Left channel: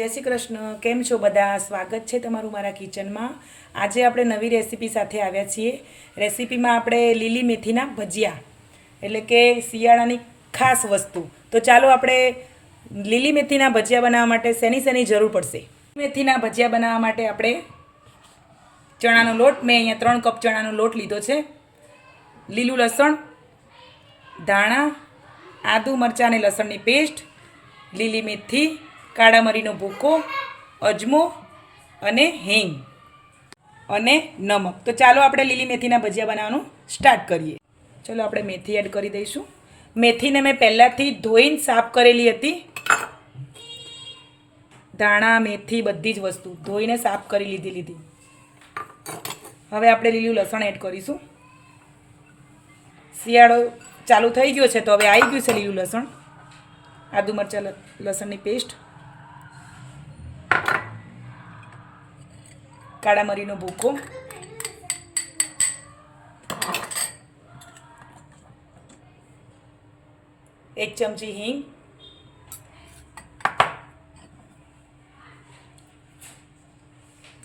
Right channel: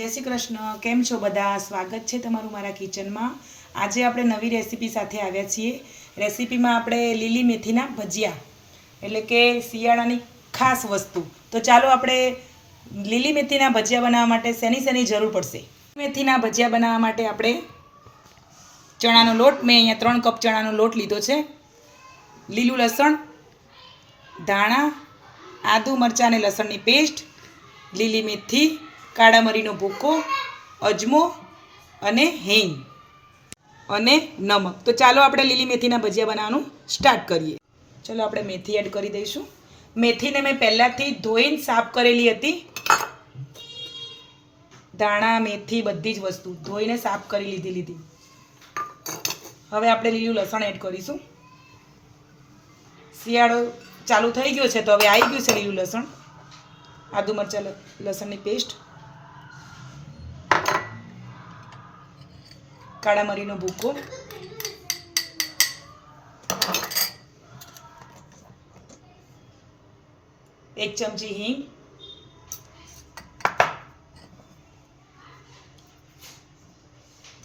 જય શ્રી કૃષ્ણ. કેમ છો બધા? સ્વાગત છે તમારું મારા કિચનમાં. આજે આપણે નવી રેસીપી સાથે આવ્યા છીએ. રેસીપીમાં આપણે લીલી મેથીના ભજીયા, એટલે કે શિયાળાની ખાસ વસ્તુ. તો ચાલો આપણે લીલી મેથીના ભજીયા બનાવવા માટે શેની જરૂર પડશે. મેથીના ભજીયા બનાવવા માટે આપણે ચણાનો લોટ, મેં અહીંયા 3 કપ ચણાનો લોટ લીધો છે. લીલું લસણ, ધાણા, આદુ મરચાં અને લસણની પેસ્ટ, લીલી મેથી, કાળા મરીનો ભૂકો, અજમો અને હિંગ અને નમક. તો ચાલો આપણે લીલી મેથીના ભજીયા બનાવવાનું સ્ટાર્ટ કરીએ. ચલો આપણે મેથી એડ કરી દઈશું. મેથીને મેં પહેલાંથી ધોઈને સાફ કરેલી હતી. ધાણા, મેથી બધી જ વસ્તુ ધોઈને સાફ કરી લીધી. હવે આપણે લીલું લસણ એડ કરીશું. શિયાળો ચાલુ થઈ ગયો છે તો હવે આવી ગયું છે લીલું લસણ. આદુ મરચાં લસણની પેસ્ટ, કાળા મરીનો ભૂકો, એક ચમચી હિંગ,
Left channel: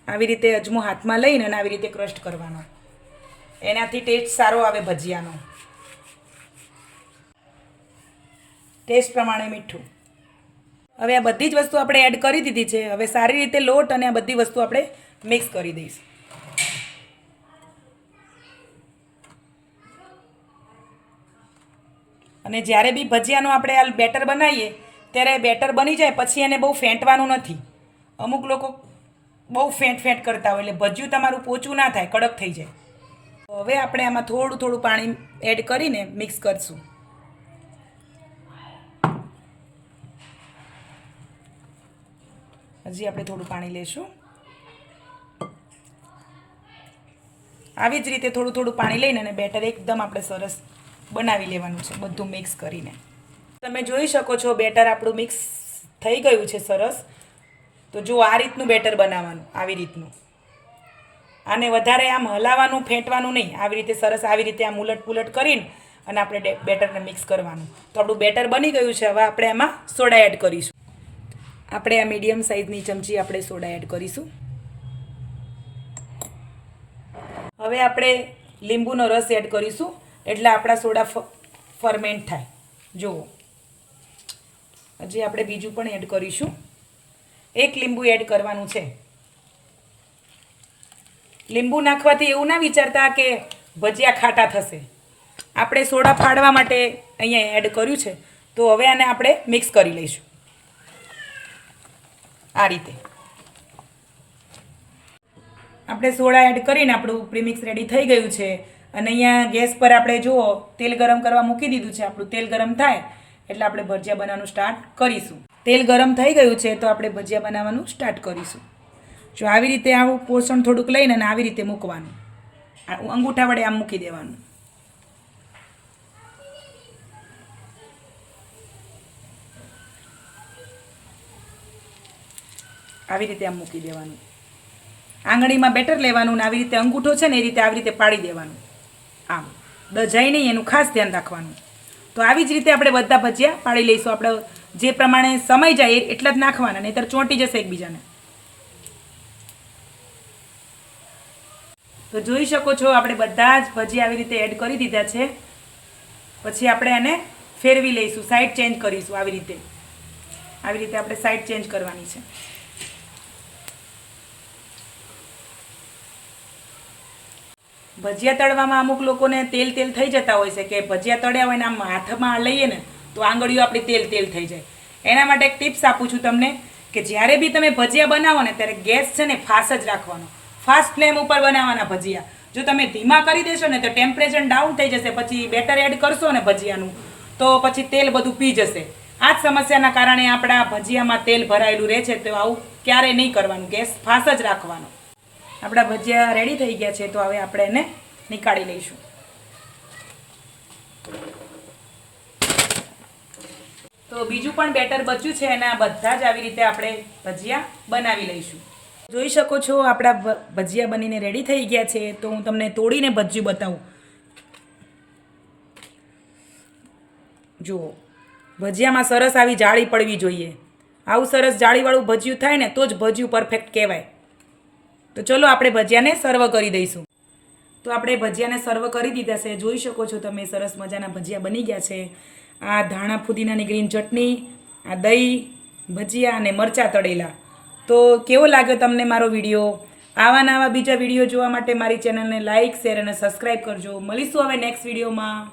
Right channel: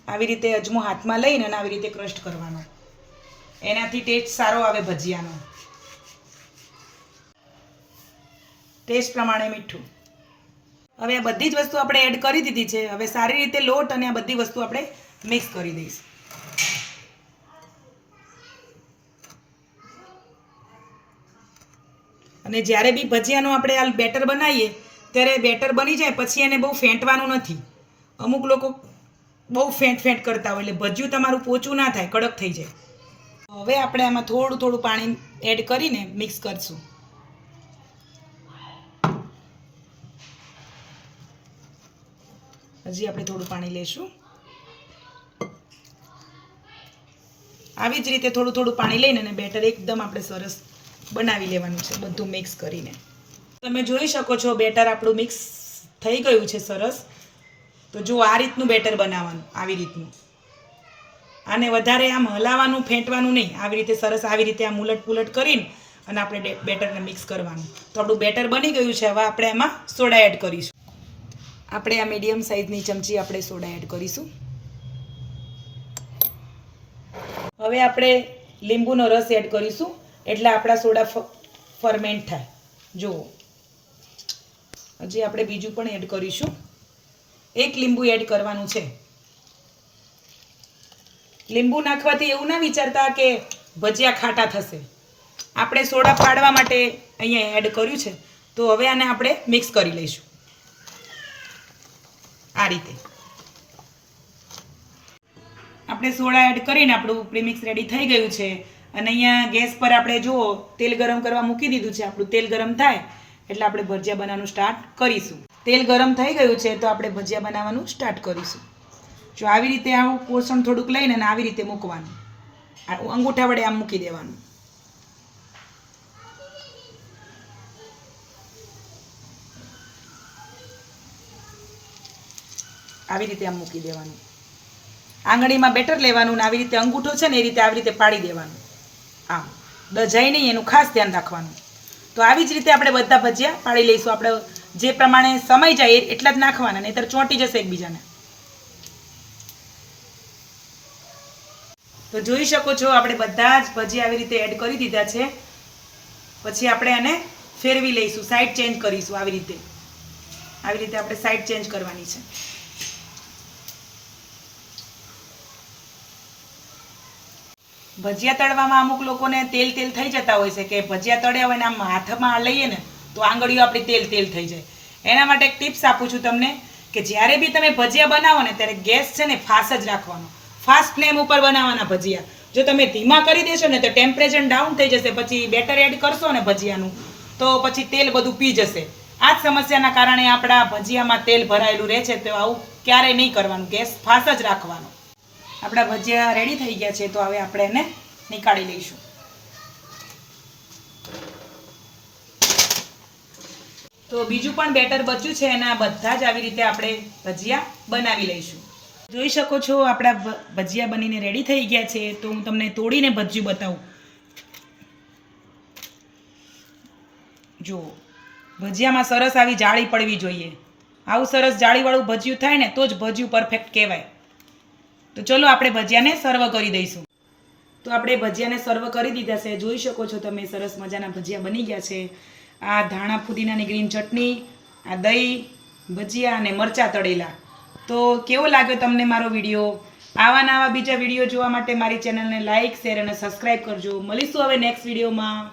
આવી રીતે અજમો હાથમાં લઈને અને આવી રીતે ક્રશ કરવાનો. એનાથી ટેસ્ટ સારો આવે ભજીયાનો. ટેસ્ટ પ્રમાણે મીઠું. હવે આ બધી જ વસ્તુ આપણે એડ કરી દીધી છે. હવે સારી રીતે લોટ અને આ બધી વસ્તુ આપણે મિક્સ કરી દઈશું. અને જ્યારે બી ભજીયાનું આપણે આ બેટર બનાવીએ ત્યારે બેટર બની જાય પછી એને બહુ ફેંટવાનું નથી. અમુક લોકો બહુ ફેંટ કરતા હોય એટલે ભજીયું તમારું પોચું ના થાય, કડક થઈ જાય. તો હવે આપણે આમાં થોડું પાણી એડ કરીને મિક્સ કરીશું. હજી આપણે થોડું પાણી લેશું. આવી જ રીતે થોડું પાણી લઈને અને બેટર એકદમ આપણે સરસ બનાવી લેવાનું છે બધું મિક્સ કરીને. તમે જોઈ શકો છો બેટર આપણું મિક્સ થઈ ગયું છે સરસ. તો જો આ રીતનું બેટર બનાવવાનું, આવી રીતનું. આને વધારે આમ હલાવવાનું, ફેંટવાનું નહીં. આવી રીતે સરસ આવી રીતે આમ ઉલટ કરીને અને આપણે બેટરને મિક્સ કરવાનું. તો આપણું બેટર બની ગયું છે. હવે આપણે એમાં સોડા એડ કરીશું. આપણે આ મીડિયમ સાઇઝની ચમચી આપણે સોડા એડ કરીશું. હવે આપણે લીંબુનો રસ એડ કરીશું એટલે આપણા સોડા ફરમેન્ટ થાય. જુઓ, હજી આપણે બીજું પણ એડ કરીશું. 1 લીંબુ એડ કરવાનું છે. લીંબુ નાખવાથી એવું ના વિચારતા કે ભજીયા ખાટા થશે. આપણે સોડા ફાડવા માટે અહીંયા એડ કર્યું છે. તો હવે આને આપણે મિક્સ કરી લઈશું આ રીતે. આપણે સોડા એડ કરીને આપણું પ્રીમિક્સ રેડી થઈ ગયું છે. અને અહીંયા ગેસ પર આપણે જુઓ તેલ ગરમ કરવા મૂકી દીધું છે. આપણું તેલ ગરમ થાય એટલે આપણે ભજીયા બનાવવાનું સ્ટાર્ટ કરીશું. તેલ ગરમ થઈ ગયું છે તો આપણે ભજીયા બનાવવાનું સ્ટાર્ટ કરીશું. જો આવી રીતે આવું પોષણ થોડુંક લઈને અને આવી રીતે મૂકવાનું. અંગૂઠા વડે આમ મૂકી દેવાનું. આવી રીતે આમ મૂકી દેવાનું. આંગળીમાં બેટર લેવાનું ને આવી રીતે અંગૂઠો છે ને એ રીતે આવી રીતે પાડી દેવાનું. આમ દજાય નહીં એનું ખાસ ધ્યાન રાખવાનું. તો આવી જ રીતે આપણે બધા ભજીયા પાડી લઈશું. આપણે જે પ્રમાણે સમય જાય એટલા જ નાખવાના, નહીંતર ચોંટી જશે એકબીજાને. તો જોઈ શકો છો આપણે બધા જ ભજીયા આવી રીતે એડ કરી દીધા છે. પછી આપણે આને ફેરવી લઈશું, સાઈડ ચેન્જ કરીશું. આવી રીતે આપણે સાઈડ ચેન્જ કરવાની છે. ભજીયા તળવામાં અમુક લોકોને તેલ થઈ જતા હોય છે કે ભજીયા તળ્યા હોય ને આમ હાથમાં લઈએ ને તો આંગળીઓ આપણી તેલ થઈ જાય. એના માટે એક ટિપ્સ આપું છું તમને કે જ્યારે બી તમે ભજીયા બનાવો ને ત્યારે ગેસ છે ને ફાસ્ટ જ રાખવાનો. ફાસ્ટ ફ્લેમ ઉપર બનાવવાના ભજીયા. જો તમે ધીમા કરી દેશો ને તો ટેમ્પરેચર ડાઉન થઈ જશે. પછી બેટર એડ કરશો ને ભજીયાનું તો પછી તેલ બધું પી જશે. આ જ સમસ્યાના કારણે આપણા ભજીયામાં તેલ ભરાયેલું રહે છે. તો આવું ક્યારેય નહીં કરવાનું. ગેસ ફાસ્ટ જ રાખવાનો. આપણા ભજીયા રેડી થઈ ગયા છે તો હવે આપણે એને નીકાળી લઈશું. તો બીજું પણ બેટર બચ્યું છે અને આ બધા જ આવી રીતે આપણે ભજીયા બનાવી લઈશું. જોઈ શકો છો આપણા ભજીયા બનીને રેડી થઈ ગયા છે. તો હું તમને તોડીને ભજીયું બતાવું. જુઓ, ભજીયામાં સરસ આવી જાળી પડવી જોઈએ. આવું સરસ જાળીવાળું ભજીયું થાય ને તો જ ભજીયું પરફેક્ટ કહેવાય. તો ચલો આપણે ભજીયાને સર્વ કરી દઈશું. તો આપણે ભજીયાને સર્વ કરી દીધા છે. જોઈ શકો છો તમે સરસ મજાના ભજીયા બની ગયા છે. આ ધાણા ફુદીનાની ગ્રીન ચટણી, આ દહીં, ભજીયા અને મરચાં તળેલા. તો કેવો લાગ્યો તમને મારો વિડીયો? આવા નવા બીજા વિડીયો જોવા માટે મારી ચેનલને લાઇક, શેર અને સબસ્ક્રાઈબ કરજો. મળીશું હવે નેક્સ્ટ વિડીયોમાં.